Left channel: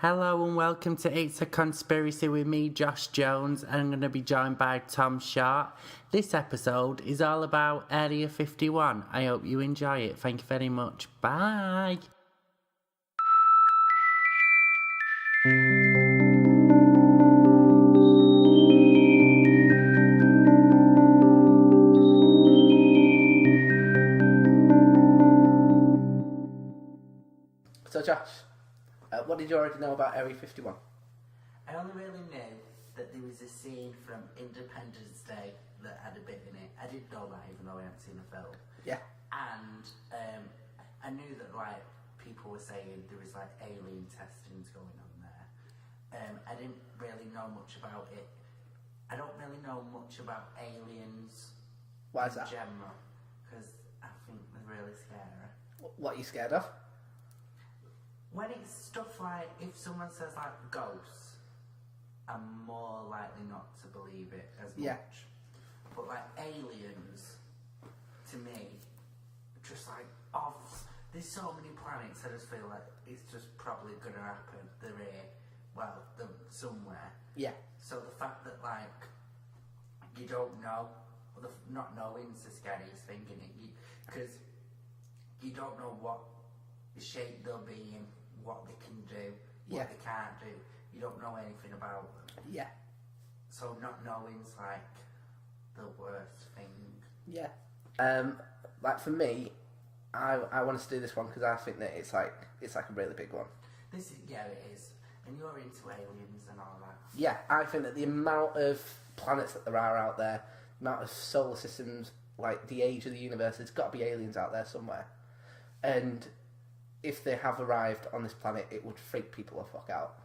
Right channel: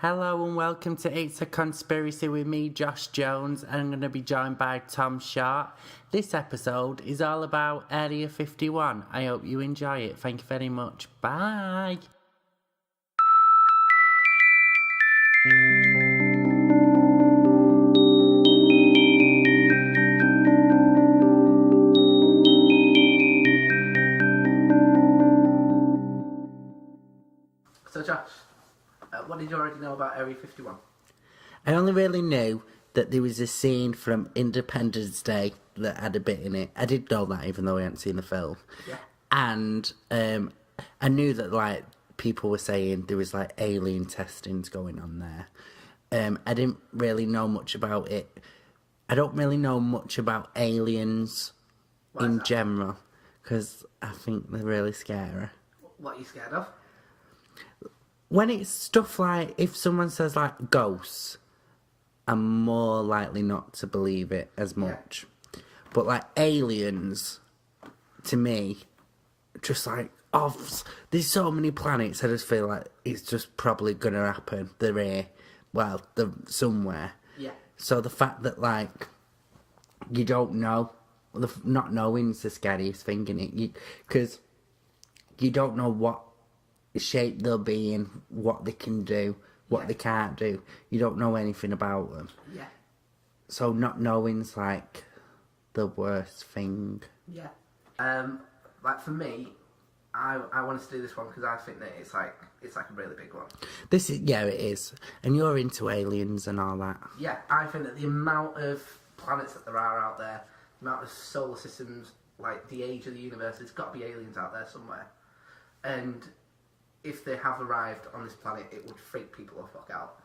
Hello and welcome to It's a Conspiracy with me, Josh Jones, and I'm going to be joined by Tom Short. This episode is all about Area 51. I hope you enjoy it. Thank you very much. Bye. So Josh, what did you already know about Area 51? I only really knew that there was a scene from Independence Day that had a bit in it. I did know that even though I hadn't seen the film. Yeah. And I knew that like people were saying there was like alien testings going on there. I didn't really know much about it. I don't really know much about aliens Why is in that? general because I think they're really scary. What are you scared of? When it's stuff like, if someone says like ghosts, I'm more likely not to believe it as much. But like aliens, to me, just like, there's so many planets, I just feel like it's just probably going to happen. They're here. Well, they're somewhere. Yeah. So the fact that like, you don't know, not knowing's the scariest thing in it. Because you don't know what shape they'll be in, what they can do, what they can't do. You don't know anything about them. Yeah. So not knowing's like the worst thing. Yeah. Like for me, I wanted to do this one because I think that it's like a really big one. This is, yeah, it is. And you're into aliens and all that. Yeah, I think that the amount of planets that there are out there, the amount of solar systems, like the age of the universe, there's got to be aliens out there somewhere. And if they have arrived on this planet, it would freak people the fuck out.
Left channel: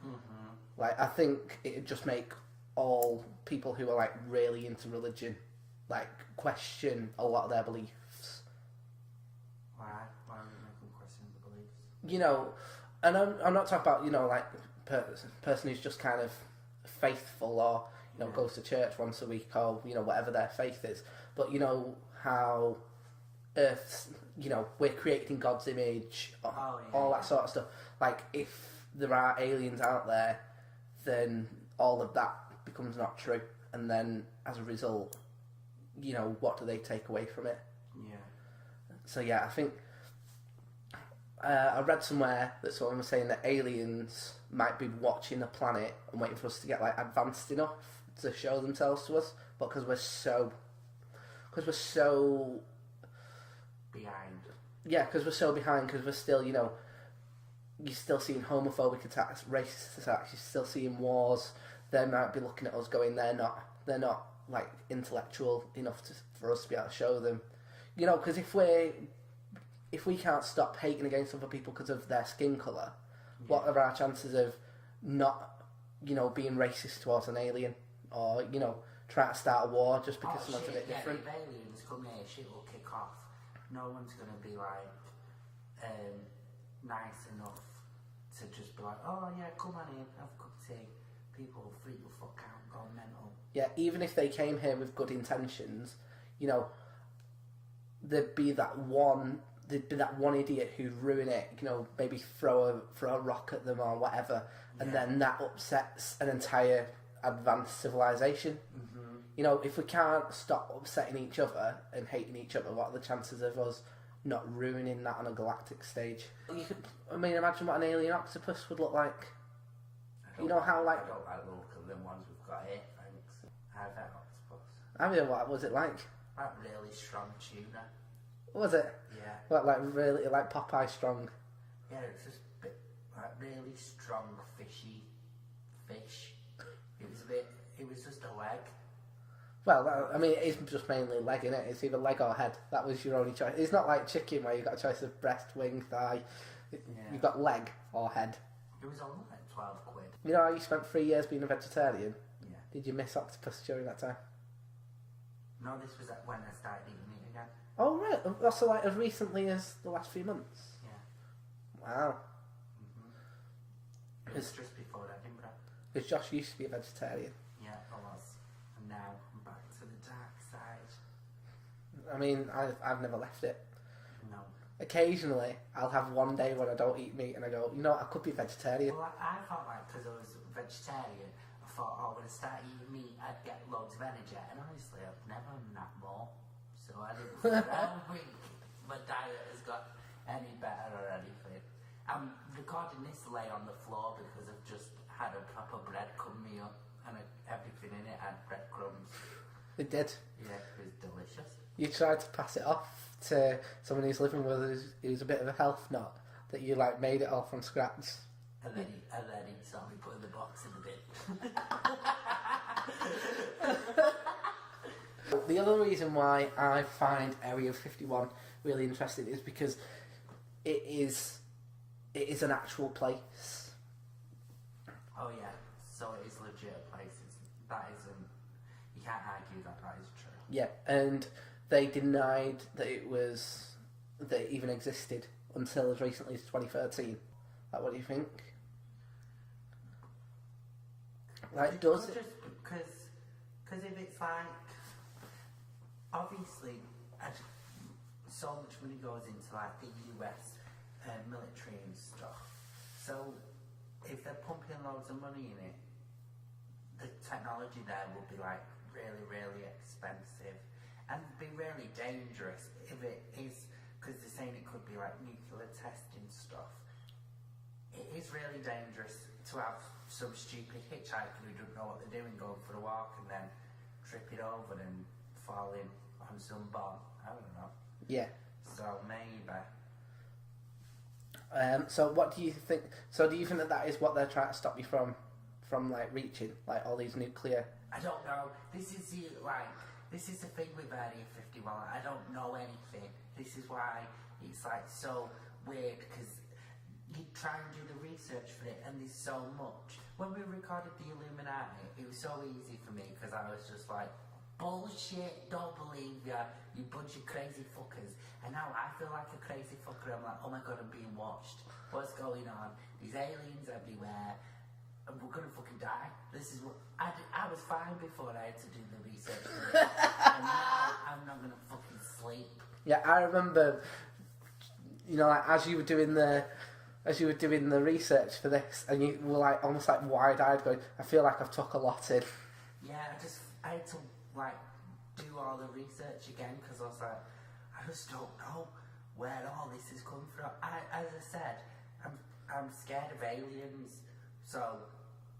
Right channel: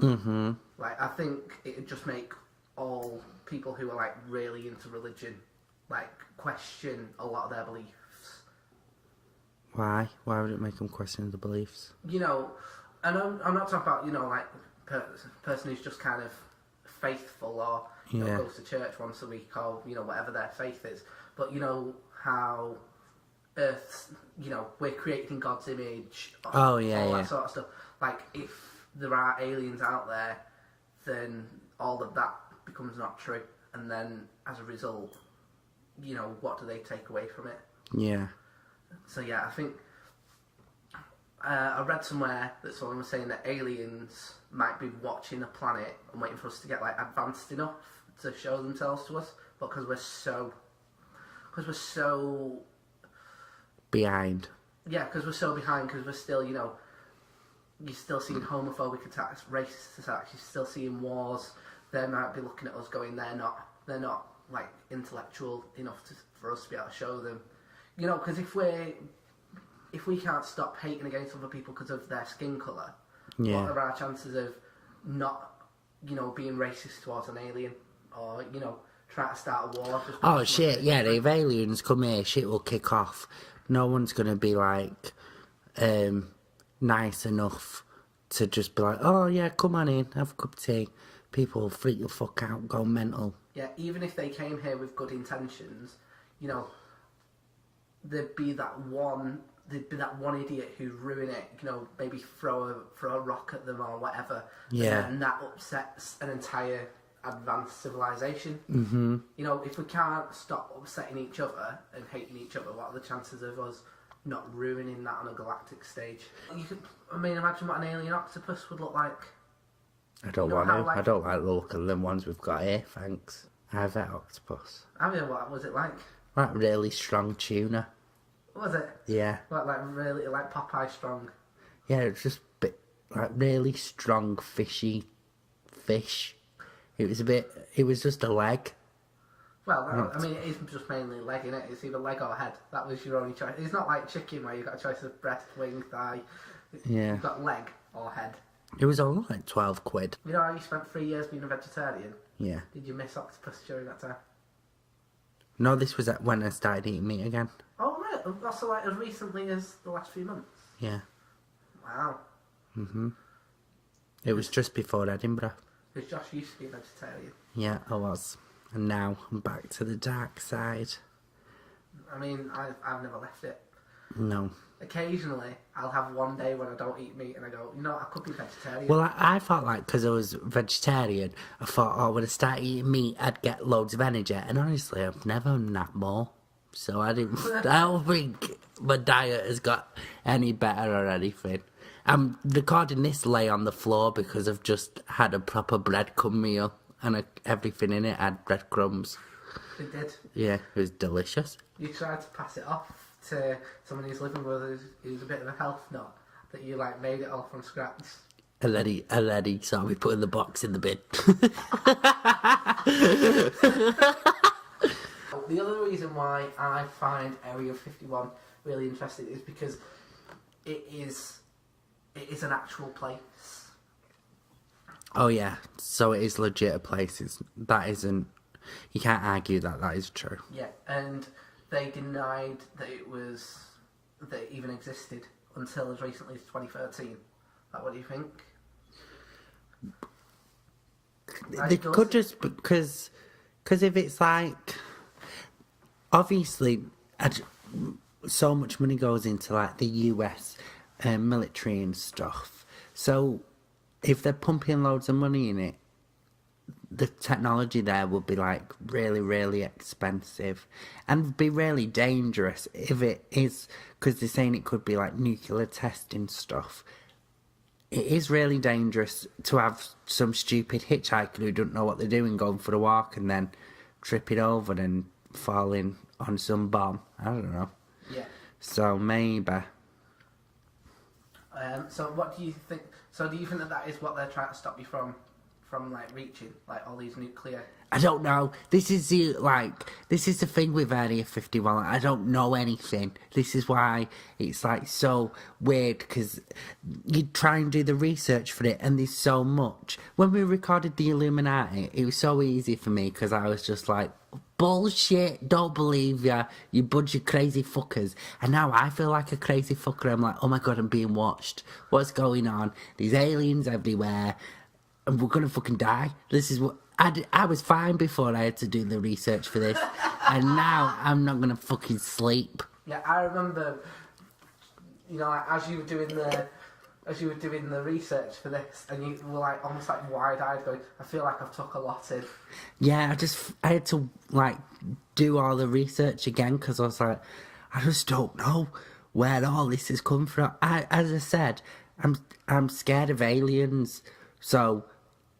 Mm-hmm. Like, I think it would just make all people who are, like, really into religion, like, question a lot of their beliefs. Why? Why would it make them question the beliefs? You know, and I'm not talking about, you know, like, person who's just kind of faithful or, you know, goes to church once a week or, you know, whatever their faith is. But, you know, how Earth's, you know, we're created in God's image. All that sort of stuff. Like, if there are aliens out there, then all of that becomes not true. And then, as a result, you know, what do they take away from it? Yeah. So, yeah, I think I read somewhere that someone was saying that aliens might be watching the planet and waiting for us to get, like, advanced enough to show themselves to us. But because we're so Behind. yeah, because we're so behind, because we're still, you know, you're still seeing homophobic attacks, racist attacks, you're still seeing wars. They might be looking at us going, they're not like intellectual enough for us to be able to show them, you know, because if we can't stop hating against other people because of their skin colour, what are our chances of not, you know, being racist towards an alien or, you know, try to start a war? Just Oh shit! Yeah, if aliens come here, shit will kick off. No one's gonna be like nice enough to just be like, oh yeah, come on in, have a cup of tea. People will freak the fuck out, go mental. Yeah, even if they came here with good intentions, you know, there'd be that one idiot who'd ruin it, you know, maybe throw a rock at them or whatever. Yeah. And then that upsets an entire advanced civilization. Mm-hmm. You know, if we can't stop upsetting each other and hating each other, what are the chances of us not ruining that on a galactic stage? Imagine what an alien octopus would look like. I don't want to. I don't like the look of them ones we've got here, thanks. I have that octopus. I mean, what was it like? Like really strong tuna. Was it? Yeah. Like really, like Popeye strong? Yeah, it's just a bit, like really strong fishy fish. It was just a leg. Well, I mean, it is just mainly leg, innit? It's either leg or head. That was your only choice. It's not like chicken where you've got a choice of breast, wing, thigh. Yeah. You've got leg or head. It was only like 12 quid. You know how you spent 3 years being a vegetarian? Yeah. Did you miss octopus during that time? No, this was when I started eating meat again. Oh, really? Also, like, as recently as the last few months? Yeah. Wow. Mm-hmm. It was just before Edinburgh. Because Josh used to be a vegetarian. Yeah, I was. And now I'm back to the dark side. I mean, I've never left it. No. occasionally I'll have one day when I don't eat meat and I go, you know, I could be vegetarian. Well, I thought like because I was vegetarian, I thought, oh, when I start eating meat, I'd get loads of energy. And honestly, I've never napped more, so I didn't. I don't think my diet has got any better or anything. I'm recording this lay on the floor because I've just had a proper breadcrumb meal and everything in it had breadcrumbs. It did. Yeah, it was delicious. You tried to pass it off to someone who's living with us who's a bit of a health nut, that you like made it all from scratch. And then he saw me putting the box in the bin. The other reason why I find Area 51 really interesting is because it is an actual place. Oh yeah, so it is legit a place. That isn't. You can't argue that is true. Yeah, and they denied that it even existed until as recently as 2013. Like, what do you think? They could just because if it's like obviously so much money goes into like the US military and stuff. So if they're pumping loads of money in it, the technology there will be like really, really expensive and be really dangerous if it is, because they're saying it could be like nuclear testing stuff. It is really dangerous to have some stupid hitchhiker who don't know what they're doing going for a walk and then tripping over and falling on some bomb. I don't know. Yeah. So maybe. So what do you think? So do you think that is what they're trying to stop you from like reaching, like all these nuclear? I don't know. This is the thing with Area 51. I don't know anything. This is why it's like so weird, because you try and do the research for it and there's so much. When we recorded the Illuminati, it was so easy for me because I was just like, bullshit, don't believe ya, you bunch of crazy fuckers. And now I feel like a crazy fucker. I'm like, oh my god, I'm being watched. What's going on? There's aliens everywhere. And we're gonna fucking die. This is what I was fine before I had to do the research for this, and now I'm not gonna fucking sleep. Yeah, I remember. You know, like as you were doing the research for this, and you were like almost like wide-eyed, going, "I feel like I've took a lot in." Yeah, I had to like do all the research again because I was like, I just don't know where all this has come from. As I said, I'm scared of aliens, so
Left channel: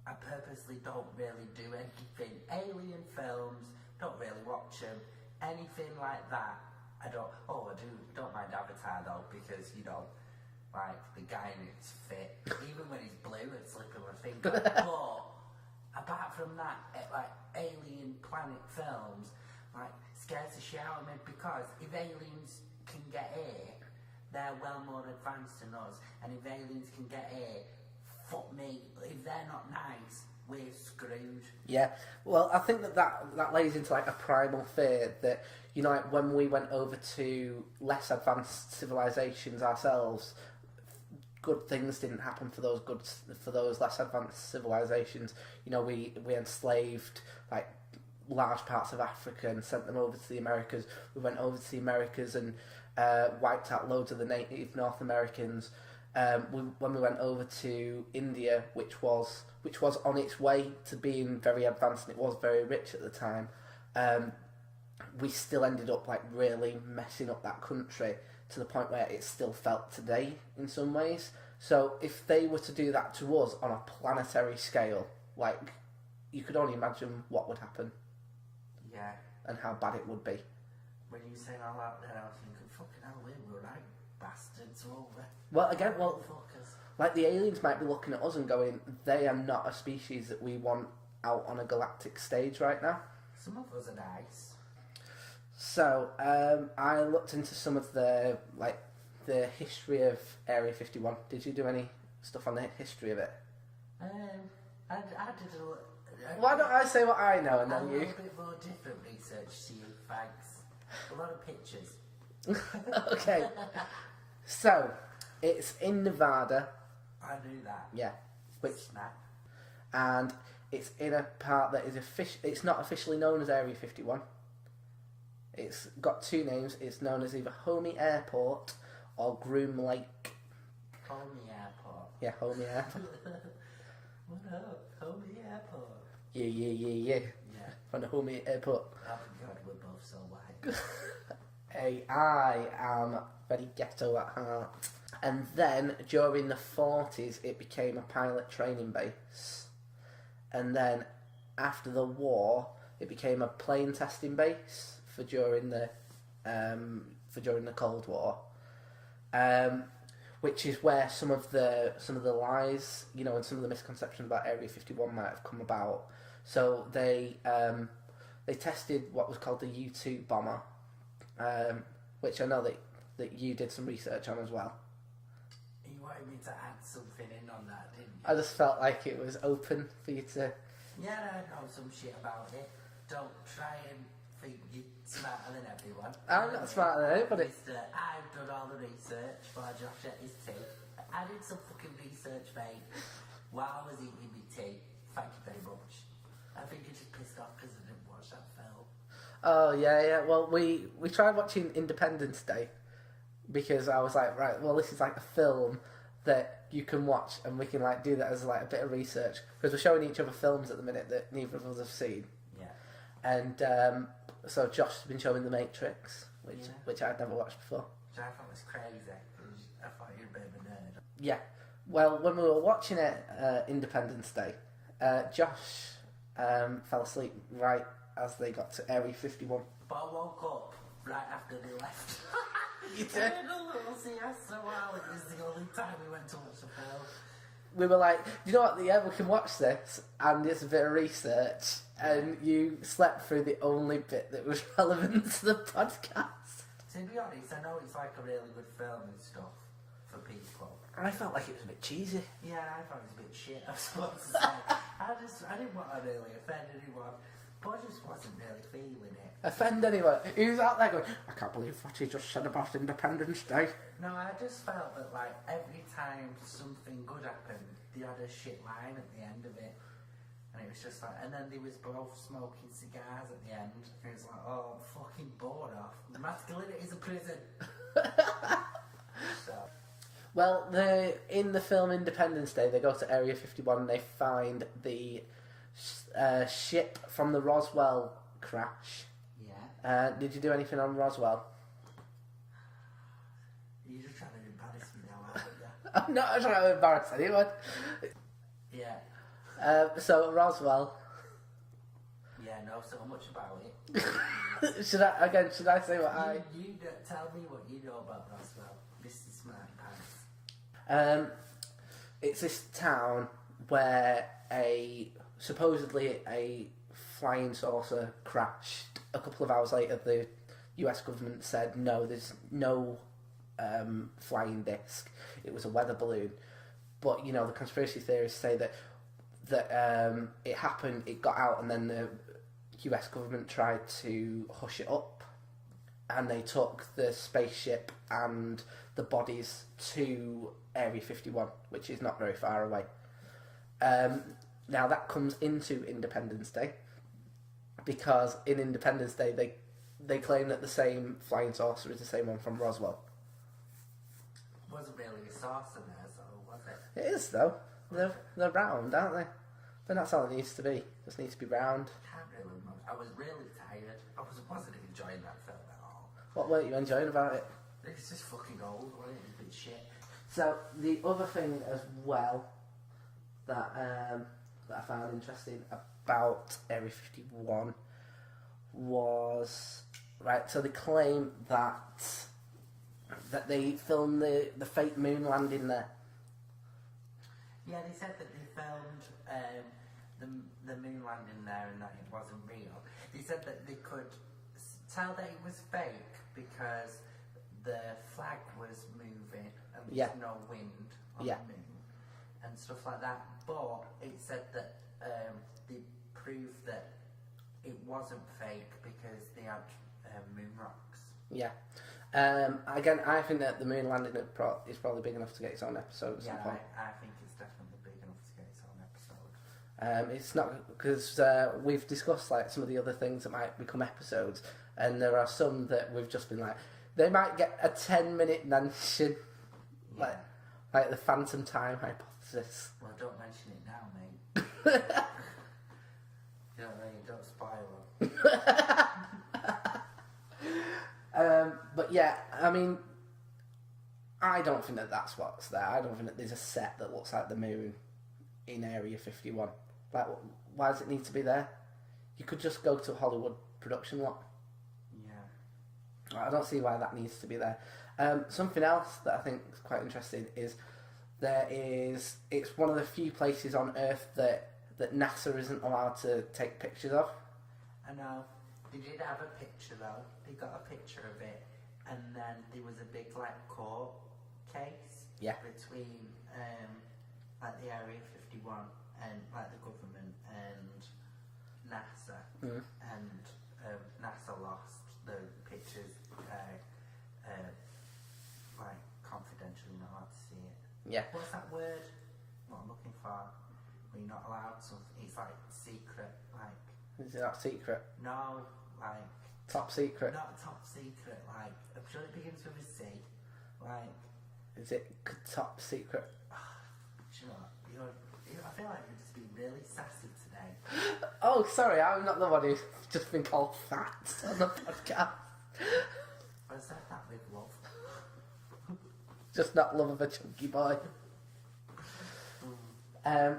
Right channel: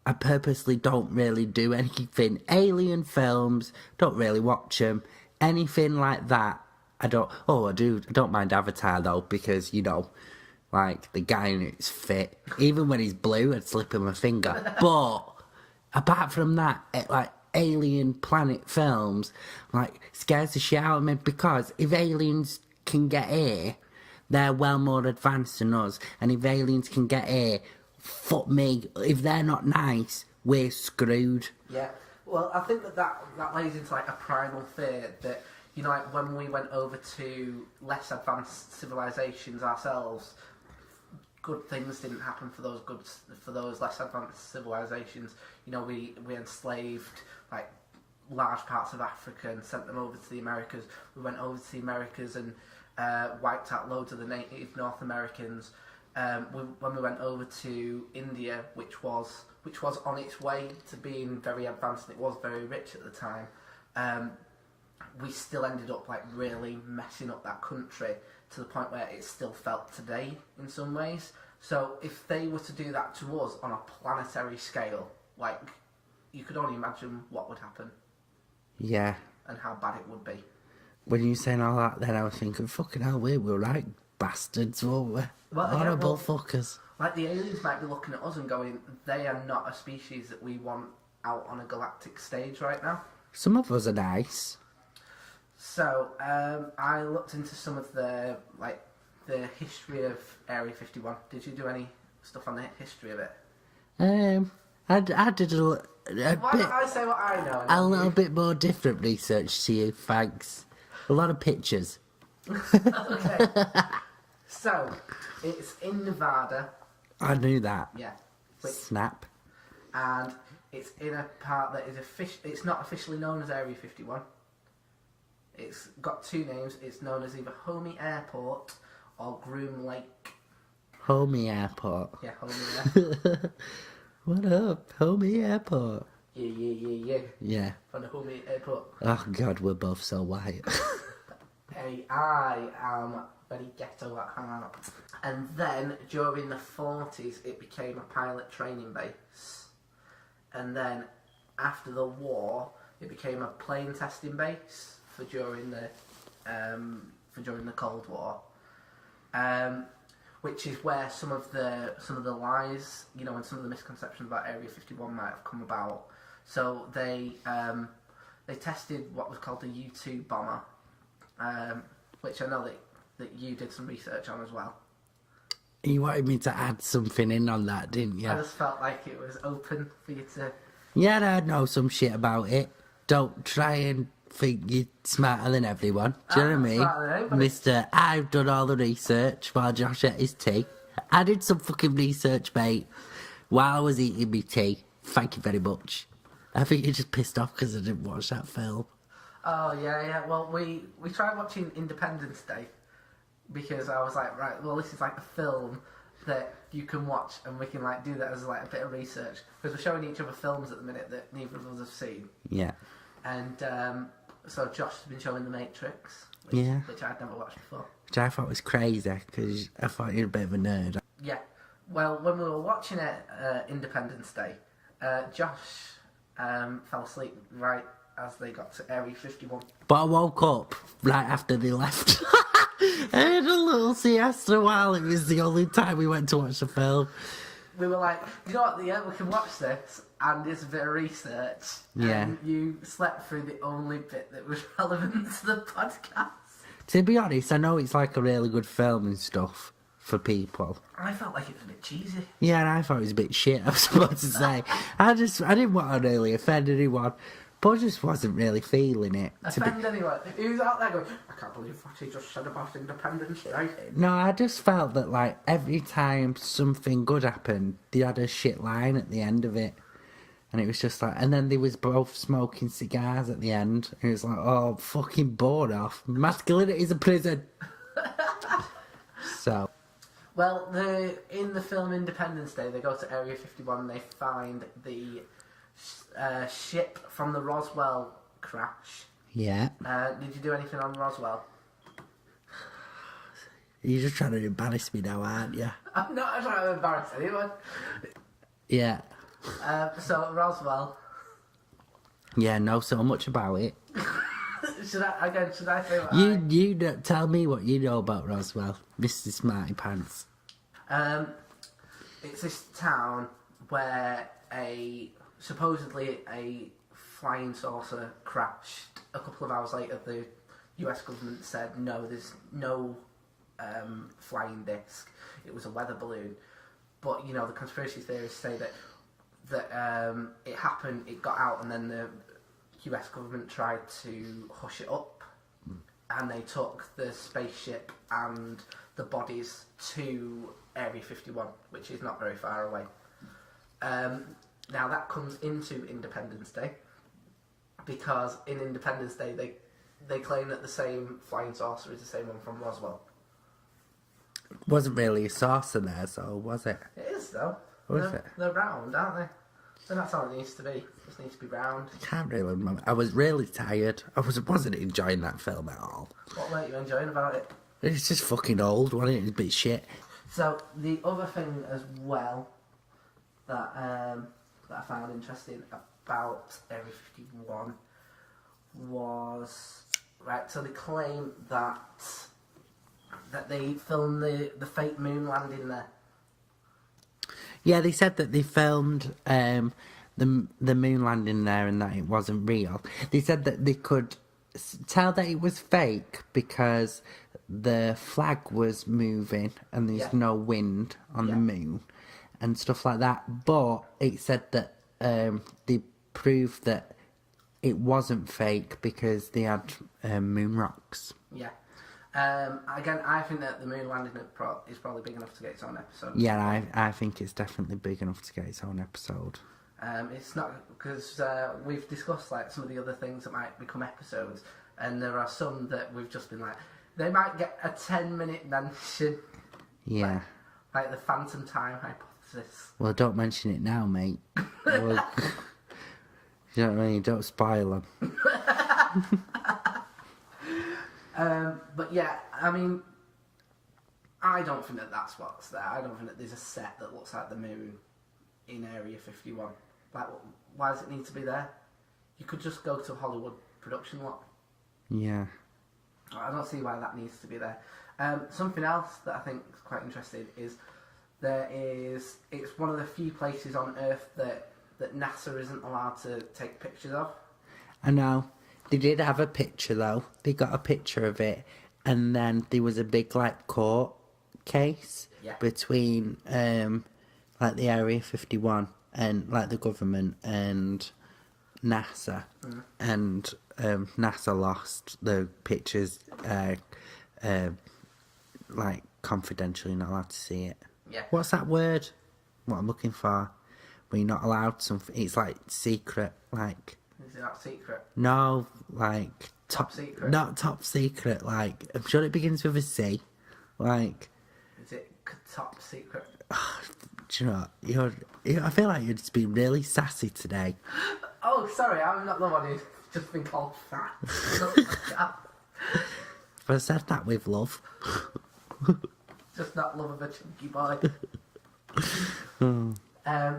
I purposely don't really do anything. Alien films, don't really watch them. Anything like that, I don't. Oh, I do. I don't mind Avatar though, because you know, like the guy in it's fit. Even when he's blue, I'd slip him a finger. But apart from that, like alien planet films, like scares the shit out of me, because if aliens can get here, they're well more advanced than us, and if aliens can get here, fuck me, if they're not nice, we're screwed. Yeah, well, I think that lays into like a primal fear that, you know, like when we went over to less advanced civilizations ourselves, good things didn't happen for those less advanced civilizations. You know, we enslaved like large parts of Africa and sent them over to the Americas. We went over to the Americas and wiped out loads of the native North Americans. When we went over to India, which was on its way to being very advanced and it was very rich at the time, we still ended up like really messing up that country to the point where it's still felt today in some ways. So if they were to do that to us on a planetary scale, like, you could only imagine what would happen. Yeah. And how bad it would be. When you were saying all that, then I was thinking, fucking hell, we were right bastards, weren't we? Well, again, horrible fuckers. Like, the aliens might be looking at us and going, they are not a species that we want out on a galactic stage right now. Some of us are nice. So, I looked into some of the history of Area 51. Did you do any stuff on the history of it? I did Why don't I say what I know? A little bit more different research to you, thanks. A lot of pictures. Okay. So, it's in Nevada. I knew that. Yeah. Snap. And it's in a part that is it's not officially known as Area 51. It's got two names. It's known as either Homey Airport or Groom Lake. Homie Airport. Yeah, Homie Air. What up, Homie Airport? Yeah. Yeah. From the Homie Airport. Oh God, we're both so white. Hey, I am very ghetto at heart. And then during the 40s, it became a pilot training base. And then after the war, it became a plane testing base for during the Cold War. Which is where some of the lies, you know, and some of the misconceptions about Area 51 might have come about. So they tested what was called the U-2 bomber, which I know that you did some research on as well. You wanted me to add something in on that, didn't you? I just felt like it was open for you to... Yeah, I know some shit about it. Don't try and think you're smarter than everyone. Do you know what I mean? Smarter than anybody. Mister, I've done all the research while Josh ate his tea. I did some fucking research, mate, while I was eating my tea. Thank you very much. I think you're just pissed off because I didn't watch that film. Oh, yeah. Well, we tried watching Independence Day because I was like, right, well, this is like a film that you can watch and we can like do that as like a bit of research because we're showing each other films at the minute that neither of us have seen. Yeah. And so Josh has been showing The Matrix, which I'd never watched before. Which I thought was crazy because I thought you're a bit of a nerd. Yeah. Well, when we were watching it, Independence Day, Josh fell asleep right as they got to Area 51. But I woke up right after they left. I had a little siesta while it was the only time we went to watch the film. We were like, you know what, yeah, we can watch this and there's a bit of research. Yeah. And you slept through the only bit that was relevant to the podcast. To be honest, I know it's like a really good film and stuff for people. I felt like it was a bit cheesy. Yeah, and I thought it was a bit shit, I was supposed to say. I didn't want to really offend anyone, but I just wasn't really feeling it. Offend anyone? Who's out there going, I can't believe what he just said about Independence Day. No, I just felt that, like, every time something good happened, they had a shit line at the end of it. And it was just like, and then they was both smoking cigars at the end. And it was like, oh, fucking bored off. Masculinity is a prison. So. Well, in the film Independence Day, they go to Area 51 and they find the ship from the Roswell crash. Yeah. Did you do anything on Roswell? You're just trying to embarrass me now, aren't you? I'm not trying to embarrass anyone. Yeah. So Roswell. Yeah, know so much about it. Should I say what You don't tell me what you know about Roswell, Mr. Smarty Pants. It's this town where supposedly a flying saucer crashed. A couple of hours later, the US government said no, there's no flying disc. It was a weather balloon. But you know, the conspiracy theorists say that it happened, it got out, and then the US government tried to hush it up, and they took the spaceship and the bodies to Area 51, which is not very far away. Now that comes into Independence Day, because in Independence Day they claim that the same flying saucer is the same one from Roswell. Wasn't really a saucer there, so was it? It is though. They're round, aren't they? And that's all it needs to be. It just needs to be round. I can't really remember. I was really tired. I wasn't enjoying that film at all. What weren't you enjoying about it? It's just fucking old, wasn't it? It's a bit shit. So the other thing as well that I found interesting about Area 51 was so they claim that they filmed the fake moon landing there. Yeah, they said that they filmed the moon landing there and that it wasn't real. They said that they could tell that it was fake because the flag was moving and there's no wind on the moon and stuff like that. But it said that they proved that it wasn't fake because they had moon rocks. Yeah. Again, I think that the moon landing is probably big enough to get its own episode. Yeah, I think it's definitely big enough to get its own episode. It's not, because we've discussed like some of the other things that might become episodes, and there are some that we've just been like, They might get a 10-minute mention, Yeah. like the phantom time hypothesis. Well, don't mention it now, mate. Well, you know what I mean? Don't spoil them. But yeah, I mean, I don't think that that's what's there. I don't think that there's a set that looks like the moon in Area 51. Like, why does it need to be there? You could just go to a Hollywood production lot. Yeah. I don't see why that needs to be there. Something else that I think is quite interesting is it's one of the few places on Earth that NASA isn't allowed to take pictures of. I know. They did have a picture, though. They got a picture of it, and then there was a big, like, court case between, like, the Area 51 and, like, the government and NASA. And NASA lost the pictures, like, confidentially, not allowed to see it. Yeah. What's that word? What I'm looking for? When you're not allowed something, it's like secret, like... Is it not secret? No, like... Top secret? Not top secret, like... I'm sure it begins with a C. Like... Is it top secret? Do you know, I feel like you're just being really sassy today. Oh, sorry, I'm not the one who's just been called fat on the podcast. But I said that with love. Just not love of a chunky boy.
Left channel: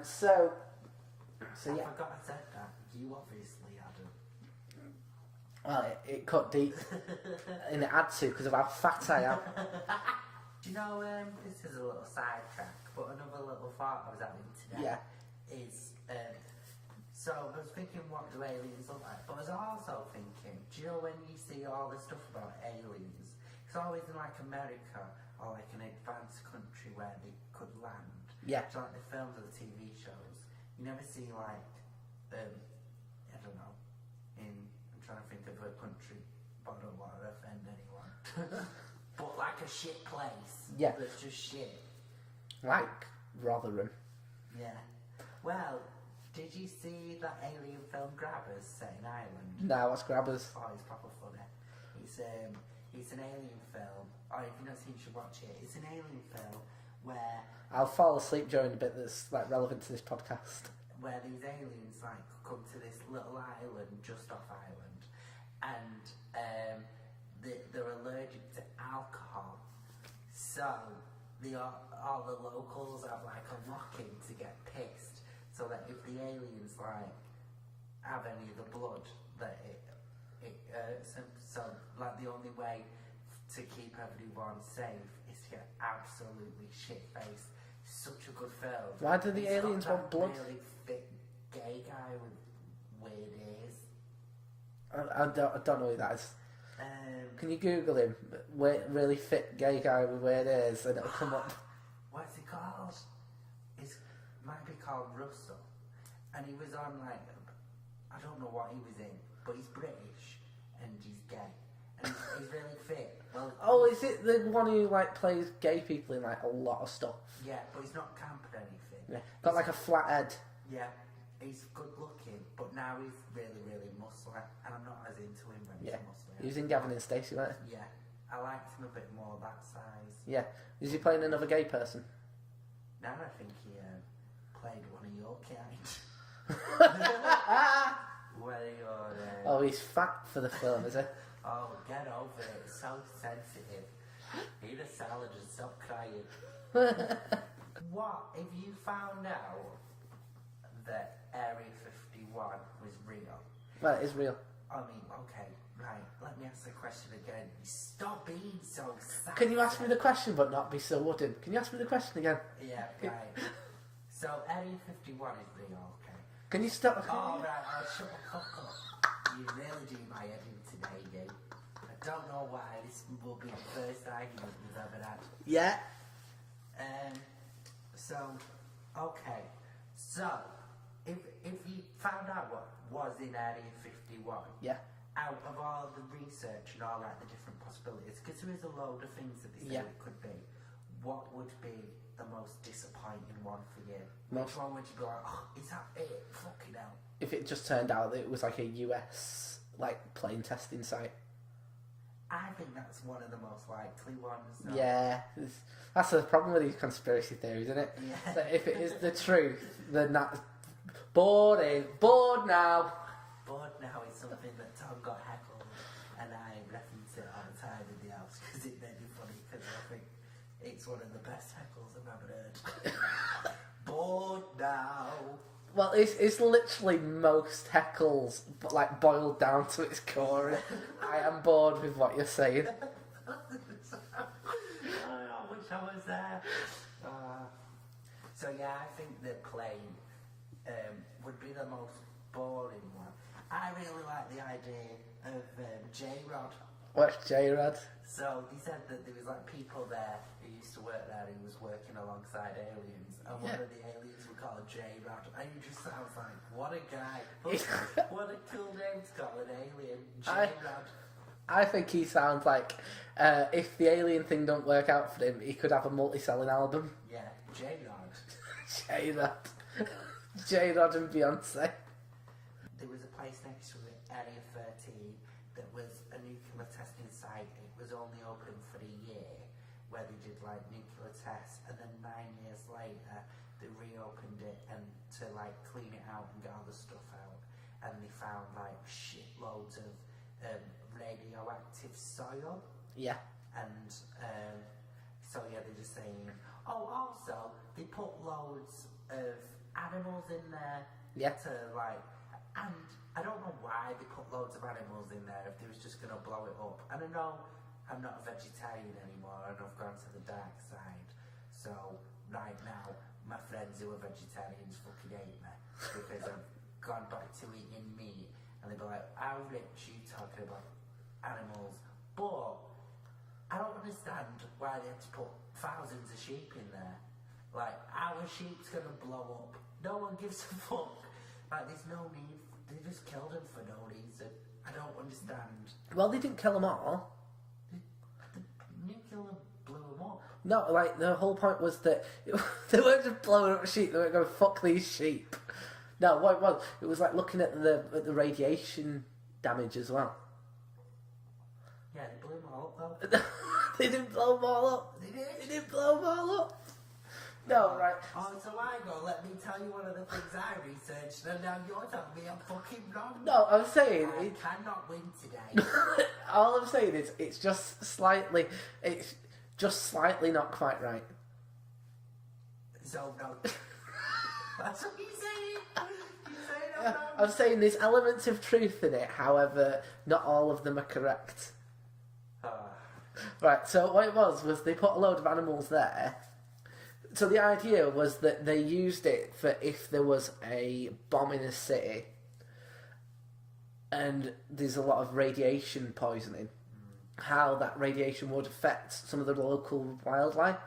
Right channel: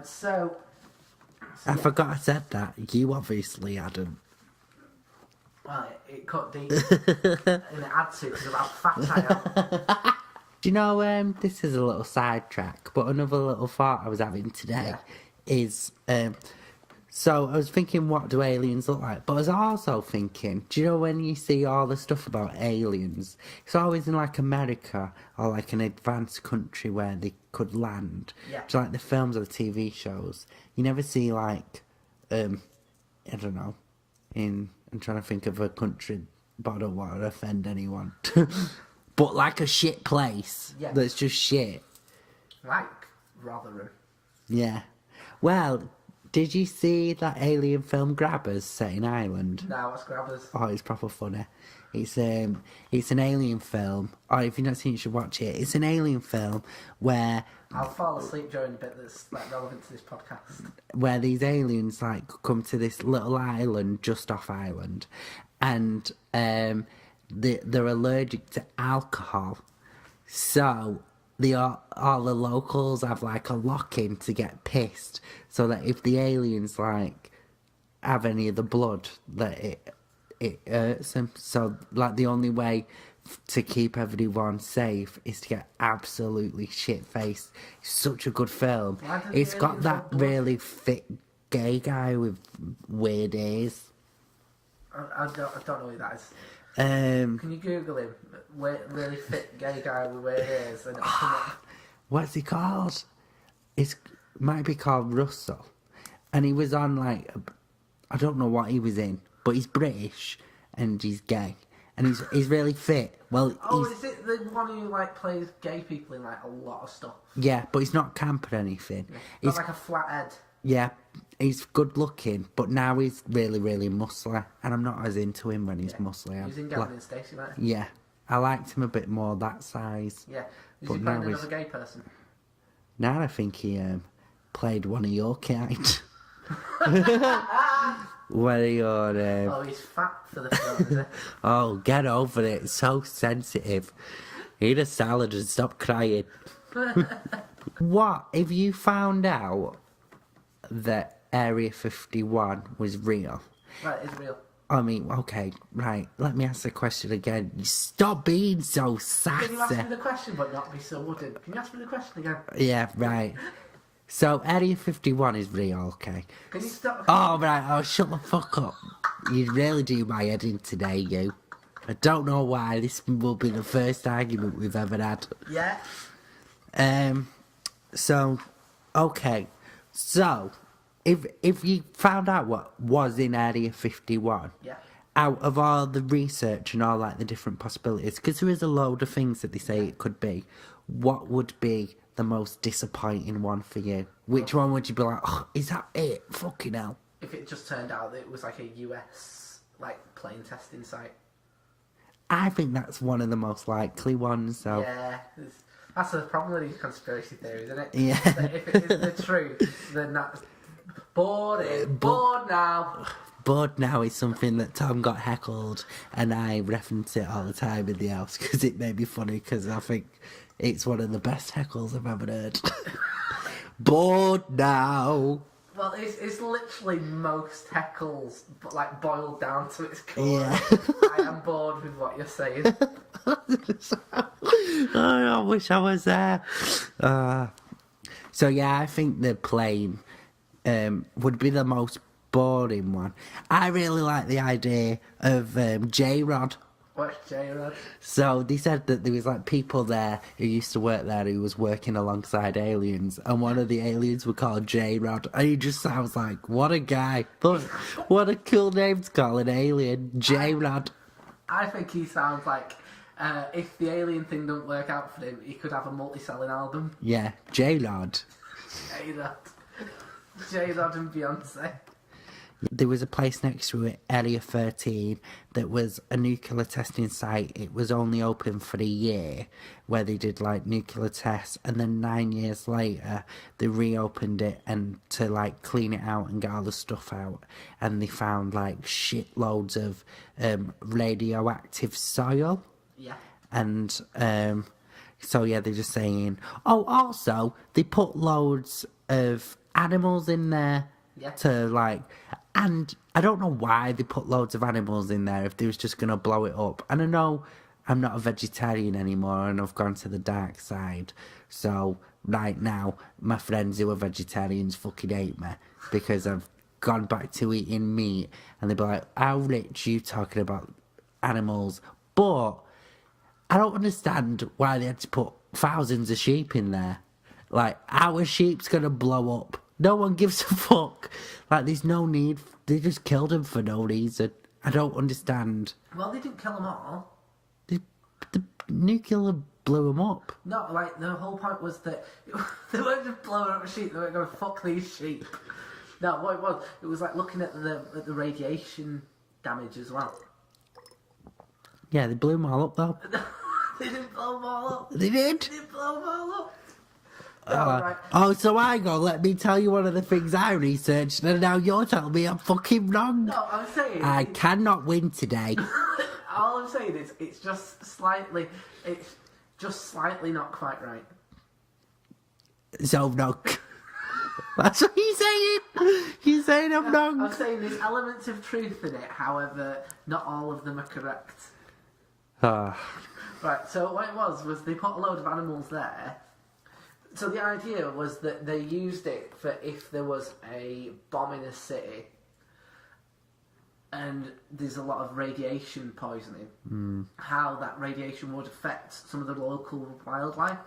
So I yeah. forgot I said that. You obviously hadn't. Well, it cut deep. And it had to because of how fat I am. Do you know, this is a little sidetrack, but another little thought I was having today is, so I was thinking, what do aliens look like? But I was also thinking, do you know when you see all the stuff about aliens, it's always in like America or like an advanced country where they could land. Yeah. So like the films or the TV shows, you never see like, I don't know, I'm trying to think of a country, but I don't want to offend anyone. But like a shit place that's just shit. Like Rotherham. Yeah. Well, did you see that alien film Grabbers set in Ireland? No, what's Grabbers? Oh, it's proper funny. It's an alien film. Oh, if you've not seen it, you should watch it. It's an alien film where I'll fall asleep during the bit that's like relevant to this podcast. Where these aliens like come to this little island just off Ireland, and they're allergic to alcohol, so all the locals have like a lock-in to get pissed, so that if the aliens like have any of the blood, that it hurts them. So like the only way to keep everyone safe is to get absolutely shit-faced. It's such a good film. It's got that really fit gay guy with weird ears. I don't know who that is. Can you Google him? Really fit gay guy with weird ears, and it'll come up. What's he called? It might be called Russell, and he was on like I don't know what he was in, but he's British and he's gay and he's really fit. Well, is it the one who like plays gay people in like a lot of stuff? Yeah, but he's not camp or anything. Yeah. He's like a flathead. Yeah. He's good looking, but now he's really, really muscly, and I'm not as into him when he's muscly. He was in Gavin and Stacey, right? Yeah, I liked him a bit more that size. Yeah, is he playing another gay person? Now I think he played one of your kind. One of your. Oh, he's fat for the film, is he? Oh, get over it! It's so sensitive. Eat a salad and stop crying. What if you found out that Area 51 was real? Well, it is real. I mean, okay, right. Let me ask the question again. Stop being so sassy. Can you ask me the question but not be so wooden? Can you ask me the question again? Yeah, right. So, Area 51 is real, okay? Can you stop? Oh, right. Oh, shut the fuck up. You really do my head in today, you. I don't know why. This will be the first argument we've ever had. Yeah. So, okay. So, if you found out what was in Area 51, out of all the research and all like the different possibilities, because there is a load of things that they say it could be, what would be the most disappointing one for you? Which one would you be like, oh, is that it? Fucking hell. If it just turned out that it was like a US like plane testing site. I think that's one of the most likely ones. So Yeah, that's the problem with these conspiracy theories, isn't it? Yeah. That if it is the truth, then that's bored now. Bored now is something that Tom got heckled, and I reference it all the time in the house because it made me funny because I think it's one of the best heckles I've ever heard. Bored now. Well, it's literally most heckles, but like boiled down to its core. Yeah. I am bored with what you're saying. I wish I was there. So yeah, I think the plane would be the most boring one. I really like the idea of J-Rod. What's J-Rod? So they said that there was like people there who used to work there who was working alongside aliens, and one of the aliens were called J-Rod, and he just sounds like, what a guy. But what a cool name to call an alien, J-Rod. I think he sounds like if the alien thing don't work out for him, he could have a multi-selling album. Yeah, J-Rod. J-Rod. J-Rod and Beyonce. There was a place next to it, Area 13, that was a nuclear testing site. It was only open for a year, where they did like nuclear tests, and then 9 years later they reopened it and to like clean it out and get all the stuff out, and they found like shitloads of radioactive soil. Yeah. And so yeah, they're just saying, oh, also they put loads of animals in there. Yeah. To like, and I don't know why they put loads of animals in there if they was just gonna blow it up. And I know I'm not a vegetarian anymore and I've gone to the dark side. So right now, my friends who are vegetarians fucking hate me because I've gone back to eating meat, and they'd be like, "How rich you talking about animals?" But I don't understand why they had to put thousands of sheep in there. Like, our sheep's gonna blow up. No one gives a fuck. Like, there's no need. They just killed him for no reason. I don't understand. Well, they didn't kill them all. The nuclear blew him up. No, like, the whole point was that they weren't just blowing up sheep, they were going, fuck these sheep. No, what it was like looking at the radiation damage as well. Yeah, they blew them all up, though. They didn't blow them all up. They did? They didn't blow them all up. No, right. Oh, so I go, let me tell you one of the things I researched, and now you're telling me I'm fucking wrong. No, I'm saying... I cannot win today. All I'm saying is it's just slightly not quite right. So, no. That's what he's saying. He's saying I'm wrong. I'm saying there's elements of truth in it, however, not all of them are correct. Ah. Right, so what it was they put a load of animals there. So the idea was that they used it for if there was a bomb in a city and there's a lot of radiation poisoning, how that radiation would affect some of the local wildlife.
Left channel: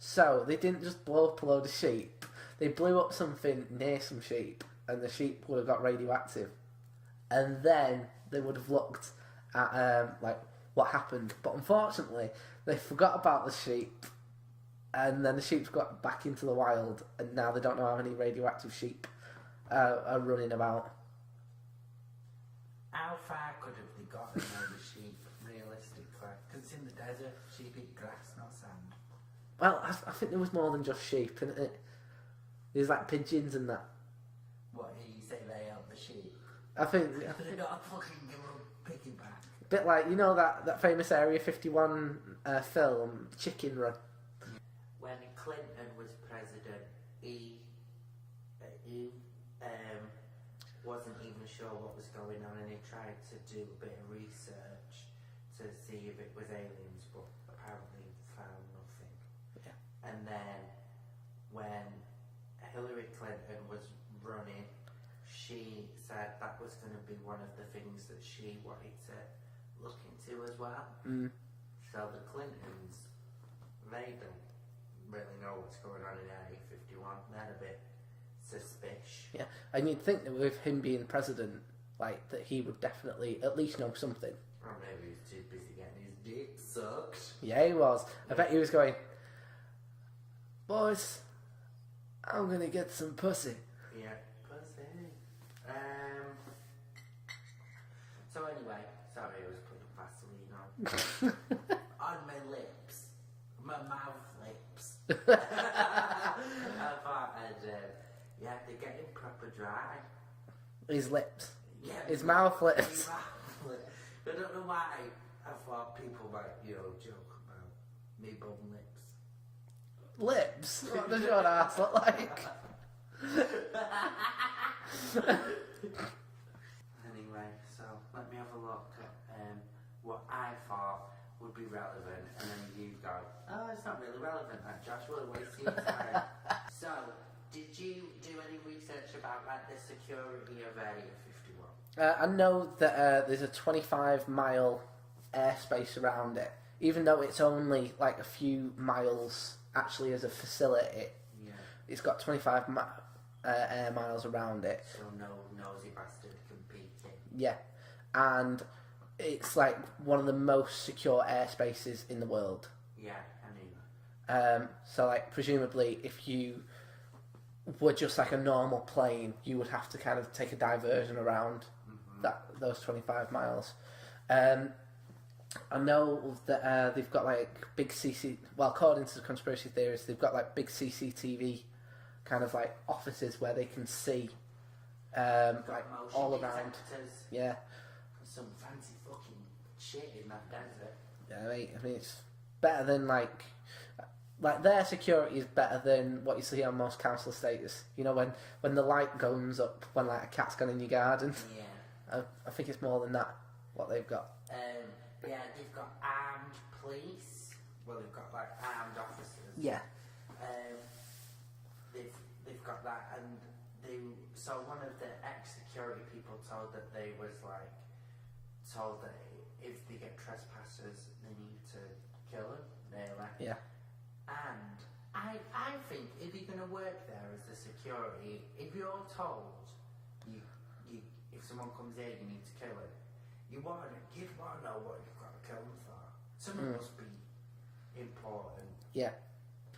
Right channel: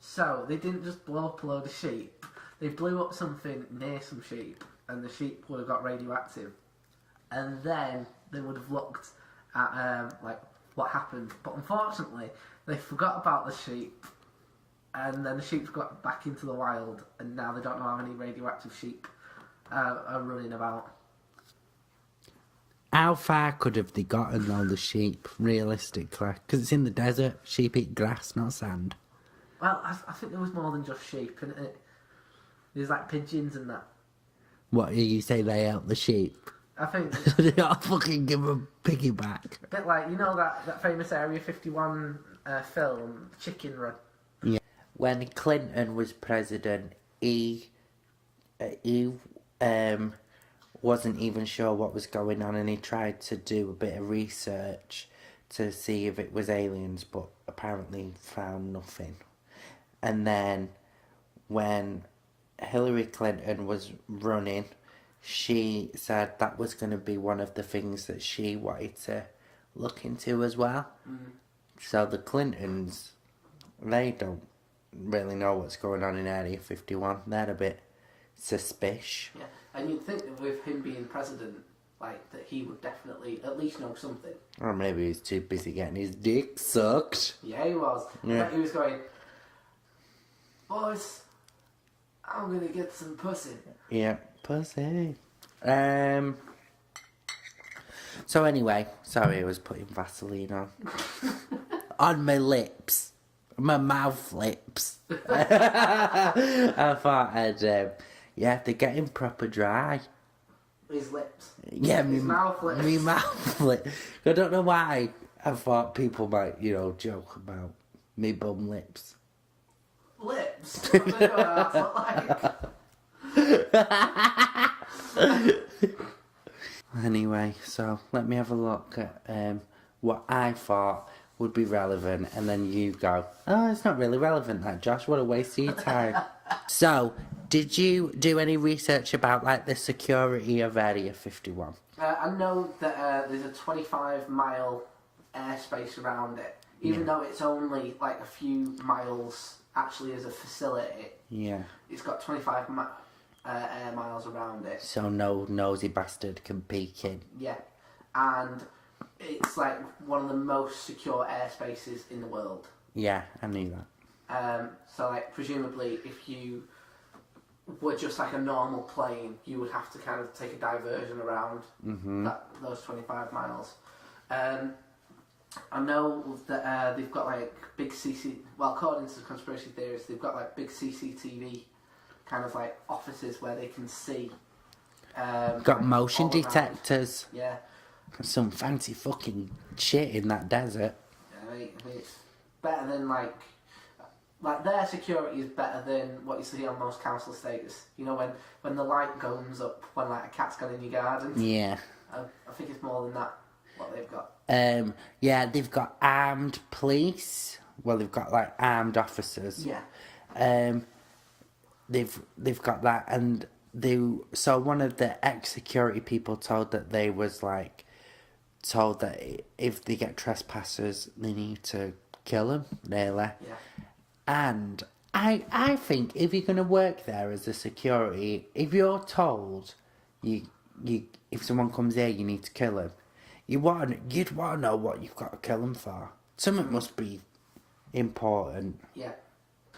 So they didn't just blow up a load of sheep. They blew up something near some sheep, and the sheep would have got radioactive. And then they would have looked at like what happened. But unfortunately, they forgot about the sheep. And then the sheep got back into the wild, and now they don't know how many radioactive sheep are running about. How far could have they gotten all the sheep, realistically? Because it's in the desert. Sheep eat grass, not sand. Well, I think there was more than just sheep, isn't it? There's like pigeons and that. What, you say they ate the sheep? I think... They don't fucking give them piggyback. A bit like, you know that famous Area 51 film, Chicken Run? Yeah. When Clinton was president, he wasn't even sure what was going on, and he tried to do a bit of research to see if it was aliens, but apparently found nothing. And then when Hillary Clinton was running, she said that was going to be one of the things that she wanted to look into as well. So the Clintons, they don't really know what's going on in Area 51. They're a bit suspicious. Yeah, and you'd think that with him being president, like, that he would definitely at least know something. Or maybe he's too busy getting his dick sucked. Yeah, he was. I bet he was going, boys, I'm gonna get some pussy. Yeah, pussy. So anyway, sorry, I was putting Vaseline on. On my lips. My mouth lips. I thought yeah, they're getting proper dry. His lips. Yeah, his mouth lips. My mouth lips. I don't know why. I thought people might, joke about me bum lips. Lips? I don't know what else look like. Anyway, so let me have a look at what I thought would be relevant, and then you go, oh, it's not really relevant, that, Josh. What a waste of your time. So, did you do any research about, like, the security of Area 51? I know that there's a 25-mile airspace around it, even though it's only, like, a few miles actually as a facility. Yeah. It's got 25 air miles around it. So no nosy bastard can peek in. Yeah. And it's, like, one of the most secure airspaces in the world. Yeah, I knew that. So, like, presumably, if you were just like a normal plane, you would have to kind of take a diversion around those 25 miles. I know that they've got like big according to the conspiracy theories, they've got like big CCTV kind of like offices where they can see. Got motion detectors. Yeah. Some fancy fucking shit in that desert. Yeah, I mean it's better than like their security is better than what you see on most council estates. You know, when the light goes up when like a cat's gone in your garden. Yeah. I think it's more than that, what they've got. Yeah, they've got armed police. Well, they've got like armed officers. Yeah. They've got that, and so one of the ex-security people told that if they get trespassers, they need to kill them, nearly. Yeah. And I think if you're going to work there as a security, if you're told if someone comes here, you need to kill him, you'd want to know what you've got to kill him for. Something must be important. Yeah.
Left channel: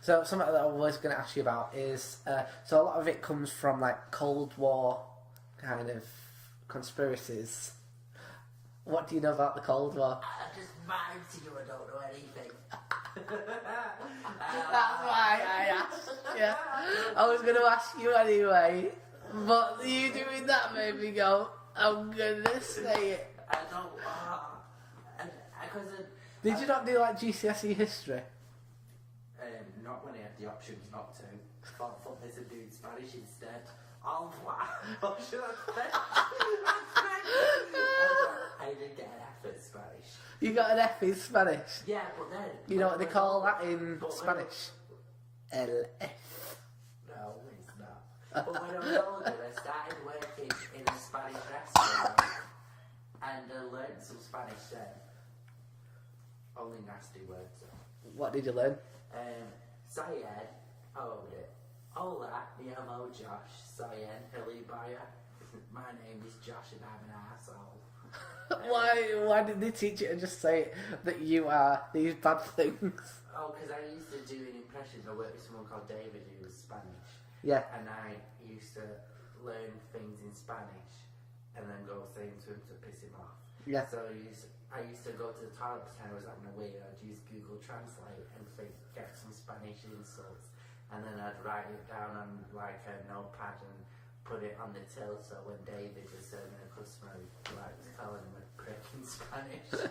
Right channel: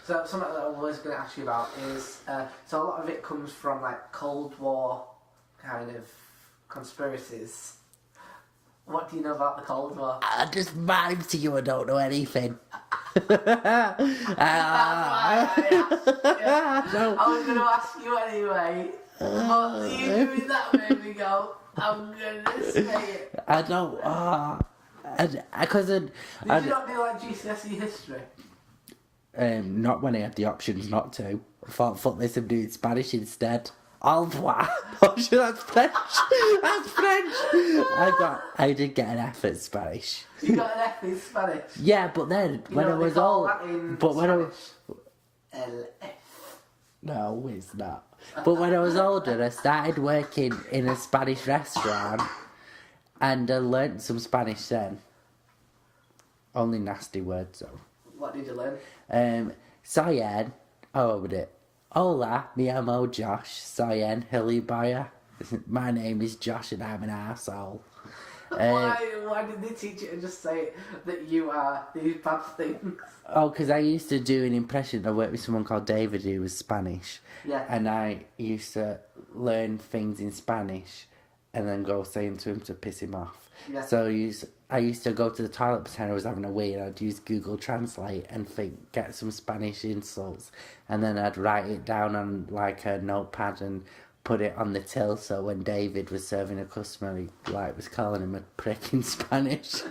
So something that I was going to ask you about is, so a lot of it comes from like Cold War kind of conspiracies. What do you know about the Cold War? I just mime to you, I don't know anything. That's why I asked. Yeah. No. I was going to ask you anyway, but you doing that made me go, I'm going to say it. I don't, because Did you not do like GCSE history? Not when I had the options not to. I thought, fuck this, I'm doing Spanish instead. Au revoir. Oh shit, that's French. That's French. I did get an F at Spanish. You got an F in Spanish? Yeah, but then You when know I what was they call old, that in but when I Spanish? was LF. no, it's not. But when I was older, I started working in a Spanish restaurant, and I learnt some Spanish then. Only nasty words though. What did you learn? Soy en, hola, me llamo Josh. Soy en Hilibaya. My name is Josh and I'm an arsehole. Why did they teach you to just say that you are these bad things? Oh, because I used to do an impression. I worked with someone called David who was Spanish. Yeah. And I used to learn things in Spanish and then go saying to him to piss him off. Yeah. So I used to go to the toilet pretend I was having a wee, and I'd use Google Translate and get some Spanish insults, and then I'd write it down on like a notepad and put it on the till, so when David was serving a customer, he was calling him a prick in Spanish.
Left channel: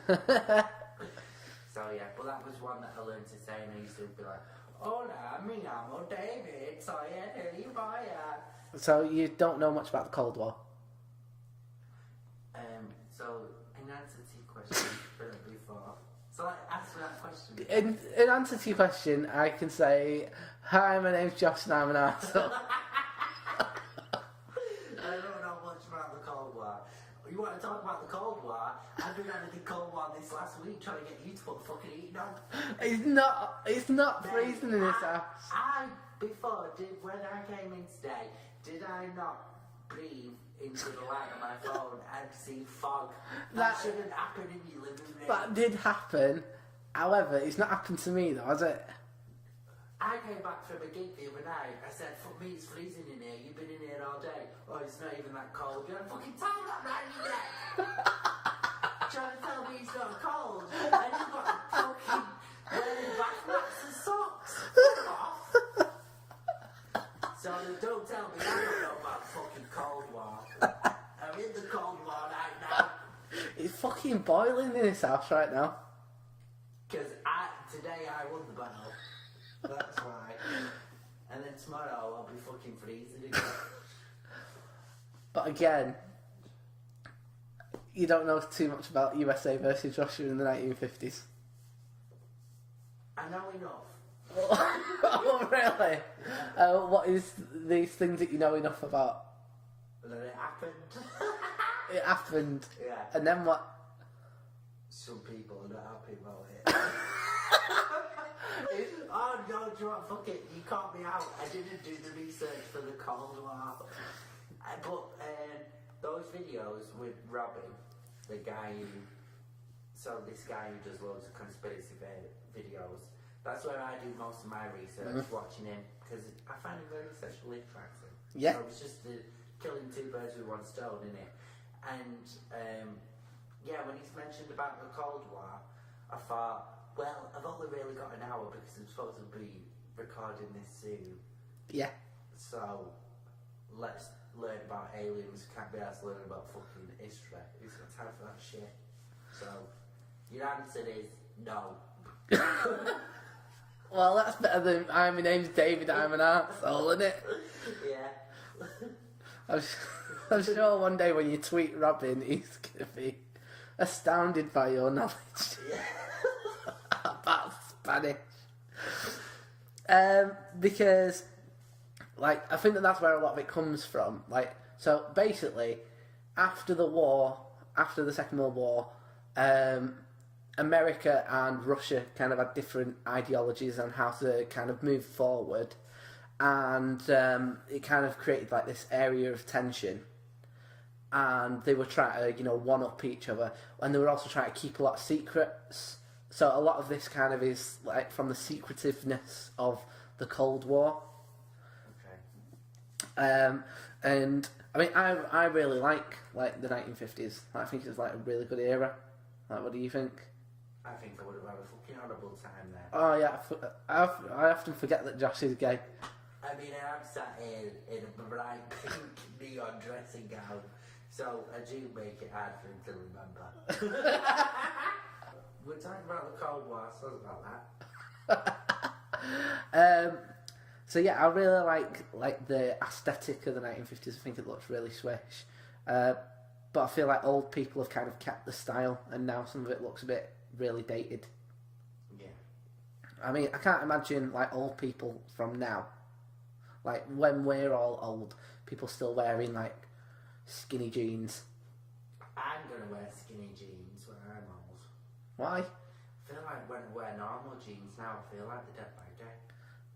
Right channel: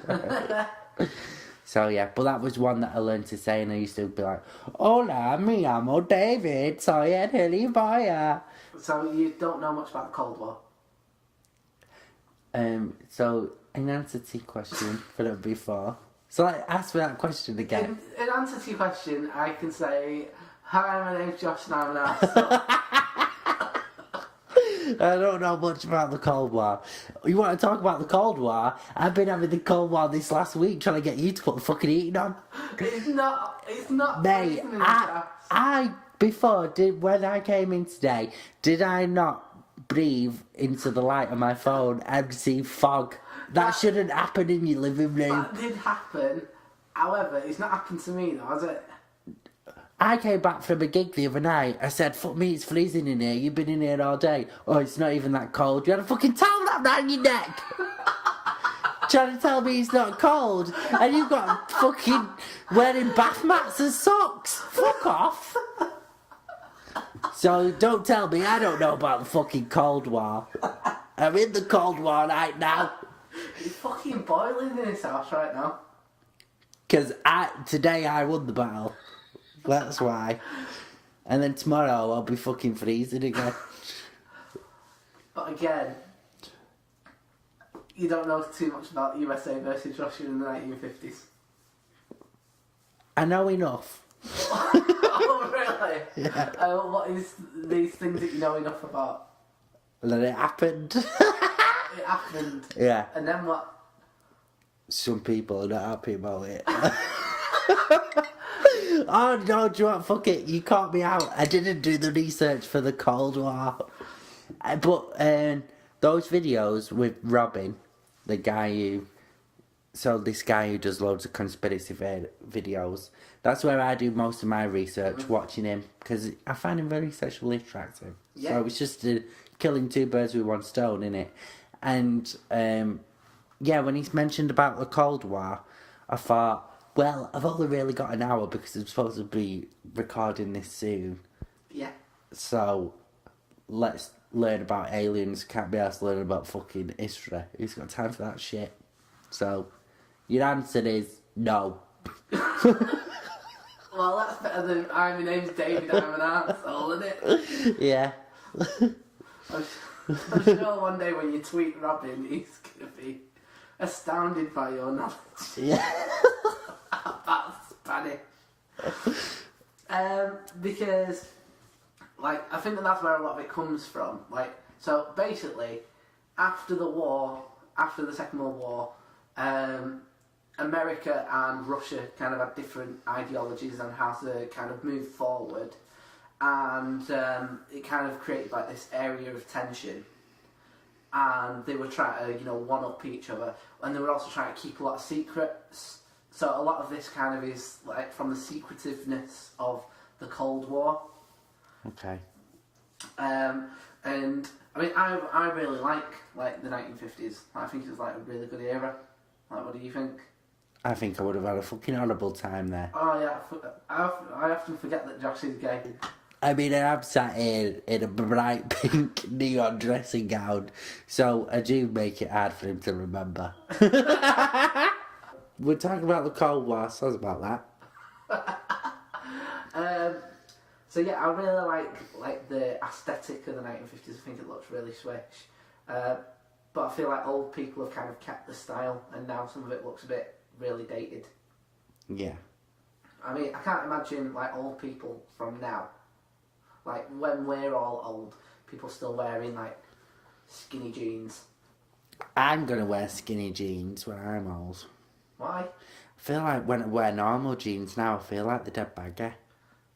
So yeah, but that was one that I learned to say, and I used to be like, hola, me llamo David, soy en Hilibaya. So you don't know much about the Cold War? So in answer to your question from before, so ask me that question again. In answer to your question, I can say, hi, my name's Josh and I'm an arsehole. I don't know much about the Cold War. You want to talk about the Cold War? I've been having the Cold War this last week trying to get you to put the fucking heating on. It's not Mate, freezing in when I came in today, did I not breathe into the light of my phone and see fog? That shouldn't happen in your living room. That did happen. However, it's not happened to me though, has it? I came back from a gig the other night. I said, fuck me, it's freezing in here. You've been in here all day. Oh, it's not even that cold. You had a fucking towel wrapped around your neck. trying to tell me it's not cold, and you've got fucking wearing bath mats and socks. Fuck off. So don't tell me I don't know about the fucking Cold War. I'm in the Cold War right now. It's fucking boiling in this house right now. Because today I won the battle. That's why. And then tomorrow I'll be fucking freezing again. But again, you don't know too much about USA versus Russia in the 1950s. I know enough. Oh, really? Yeah. What is these things that you know enough about? That it happened. It happened. Yeah. And then what? Some people are not happy about it. Oh no, do you want, fuck it, you caught me out. I didn't do the research for the Cold War. But those videos with Robin, the guy who... So this guy who does loads of conspiracy videos, that's where I do most of my research, watching him, because I find him very sexually attractive. Yeah. So it's just killing two birds with one stone, innit? And, yeah, when he's mentioned about the Cold War, I thought, well, I've only really got an hour because I'm supposed to be recording this soon. Yeah. So, let's learn about aliens. Can't be asked to learn about fucking history. Who's got time for that shit? So, your answer is no. Well, that's better than my name's David, I'm an arsehole, isn't it? Yeah. I'm sure one day when you tweet Robin, he's going to be astounded by your knowledge. Yeah. About Spanish. Because, like, I think that's where a lot of it comes from. Like, so basically, after the war, after the Second World War, America and Russia kind of had different ideologies on how to kind of move forward, and it kind of created like this area of tension, and they were trying to, one up each other, and they were also trying to keep a lot of secrets. So a lot of this kind of is like from the secretiveness of the Cold War. Okay. And I mean, I really like the 1950s. I think it's like a really good era. Like, what do you think? I think I would have had a fucking horrible time there. Oh yeah, I often forget that Josh is gay. I mean, I'm sat here in a bright pink neon dressing gown, so I do make it hard for him to remember. We're talking about the Cold War, so about that. So yeah, I really like the aesthetic of the 1950s. I think it looks really swish. But I feel like old people have kind of kept the style, and now some of it looks a bit really dated. Yeah. I mean, I can't imagine like old people from now. Like when we're all old, people still wearing like skinny jeans. I'm gonna wear skinny jeans when I'm old. Why? I feel like when I wear normal jeans now, I feel like they're dead baggy.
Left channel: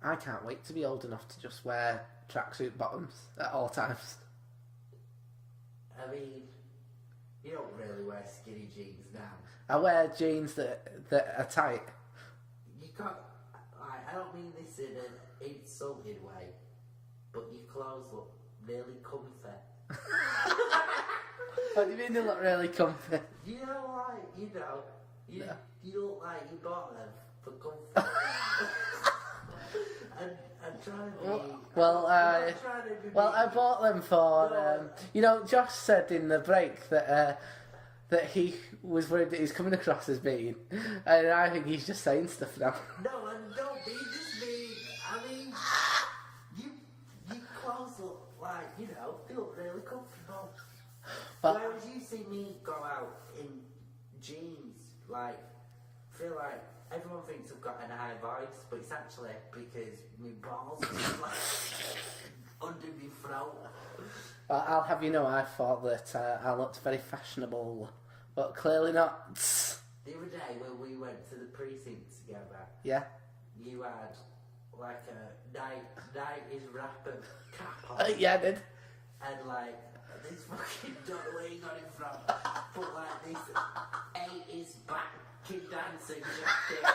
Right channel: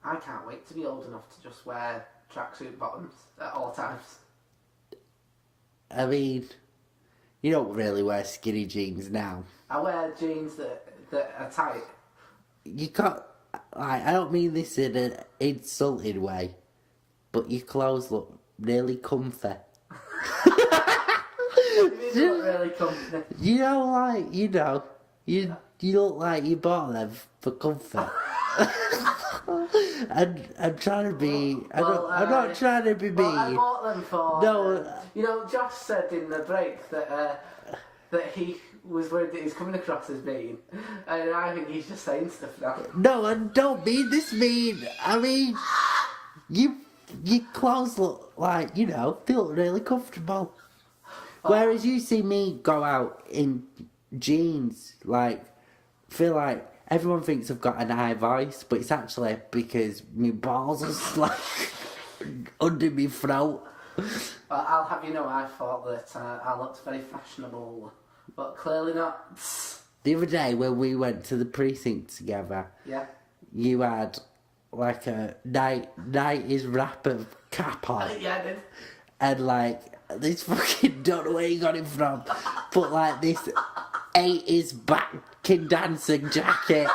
I can't wait to be old enough to just wear tracksuit bottoms at all times. I mean, you don't really wear skinny jeans now. I wear jeans that are tight. You can't... Like, I don't mean this in an insulted way, but your clothes look really comfy. They do look really comfy. You know, you look like you bought them for comfort. I'm trying to be... I'm not trying to be mean. Well, I bought them for... No. Josh said in the break that he was worried that he's coming across as mean, and I think he's just saying stuff now. No, I don't mean this mean. I mean, your clothes look like, they look really comfortable. Whereas you see me go out in jeans, feel like everyone thinks I've got an high voice, but it's actually because my balls are under my throat. Well, I'll have you know, I thought that I looked very fashionable, but clearly not. The other day when we went to the precinct together, yeah, you had like a 90s rapper cap on. Yeah, I did. And this fucking, don't know where you got it from, but this 80s backing dancing jacket.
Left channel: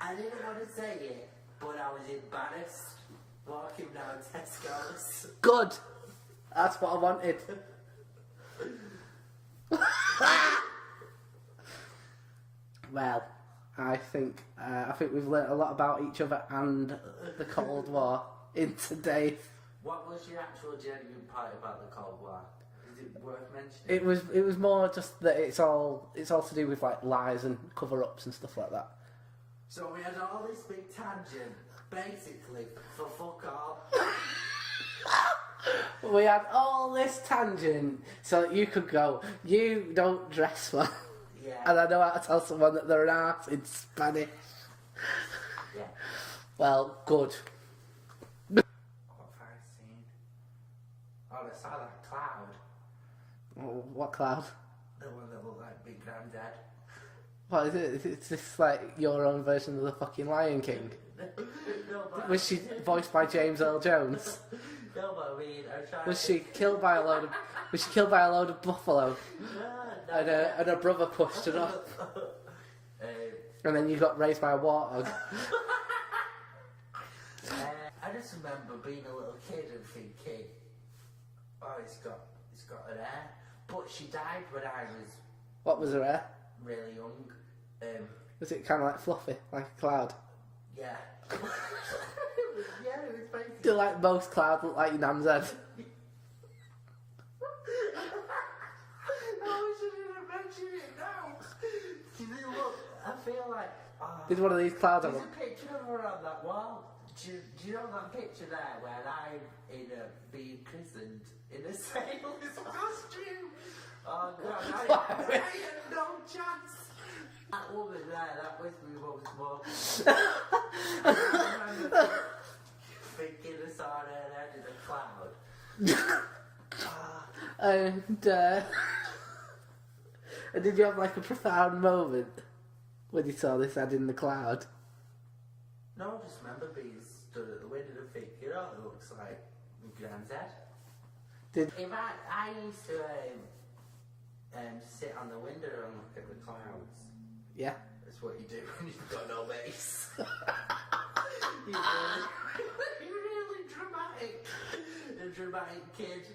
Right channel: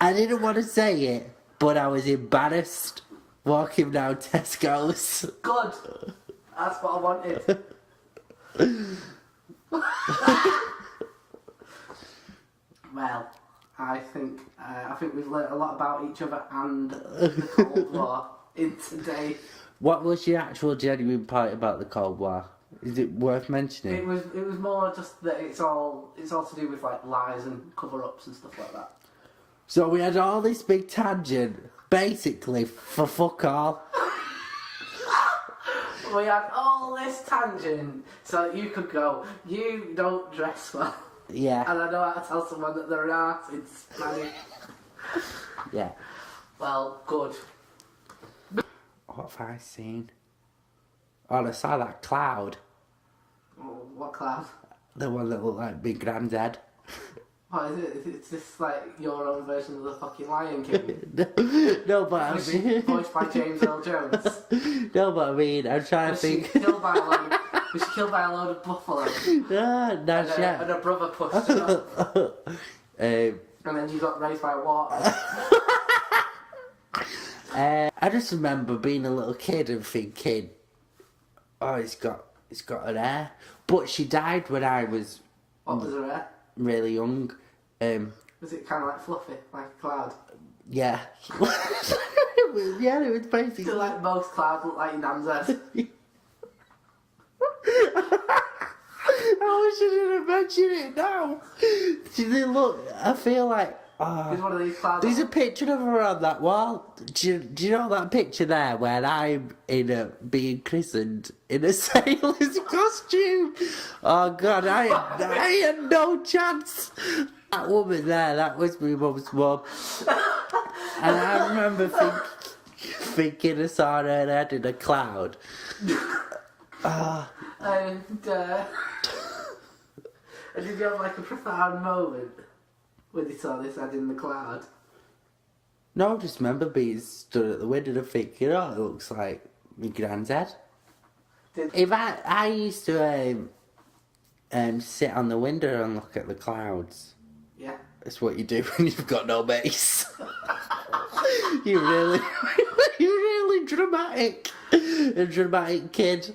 I didn't want to say it, but I was embarrassed walking down Tesco's. Good. That's what I wanted. Well, I think we've learnt a lot about each other and the Cold War in today. What was your actual genuine point about the Cold War? Is it worth mentioning? It was more just that it's all to do with like lies and cover-ups and stuff like that. So we had all this big tangent, basically for fuck all. We had all this tangent so that you could go, you don't dress well. Yeah. And I know how to tell someone that they're an arse in Spanish. Yeah. Well, good. What have I seen? Oh, I saw that cloud. Oh, what cloud? The one that looked like Big Granddad. What is it? It's just like your own version of the fucking Lion King. No, but I Was she mean... voiced by James Earl Jones? No, but I mean, I'm trying Was to she think... killed by a load of, was she killed by a load of buffalo? No, not yet. And her brother pushed her off. And then you got raised by a warthog. I just remember being a little kid and thinking, oh, it's got an heir. But she died when I was What was her hair? really young. Was it kind of like fluffy, like a cloud? Yeah. Yeah, it was basically... Feel like most clouds look like your nan's head. I wish I didn't mention it now. Look, I feel like... There's one of these clouds. There's a picture of her on that wall. Do you know that picture there where I'm being christened in a sailor's costume? Oh God, I had no chance. That woman there, that was my mum's mum. And I remember thinking I saw her head in a cloud. And did you have like a profound moment when you saw this head in the cloud? No, I just remember being stood at the window and thinking, oh, it looks like my granddad. If I used to sit on the window and look at the clouds. Yeah. That's what you do when you've got no base. You're really dramatic. A dramatic kid.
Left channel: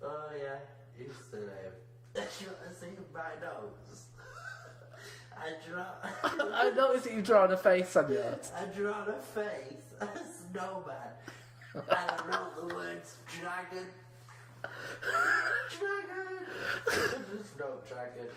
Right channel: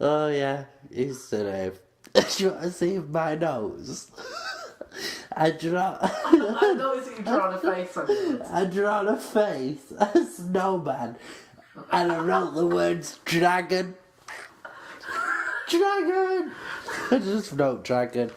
Oh yeah, used to do you want to see my nose? I noticed that you've drawn a face on it. I drawn a face, a snowman, and I wrote the words dragon. Dragon! I just wrote dragon.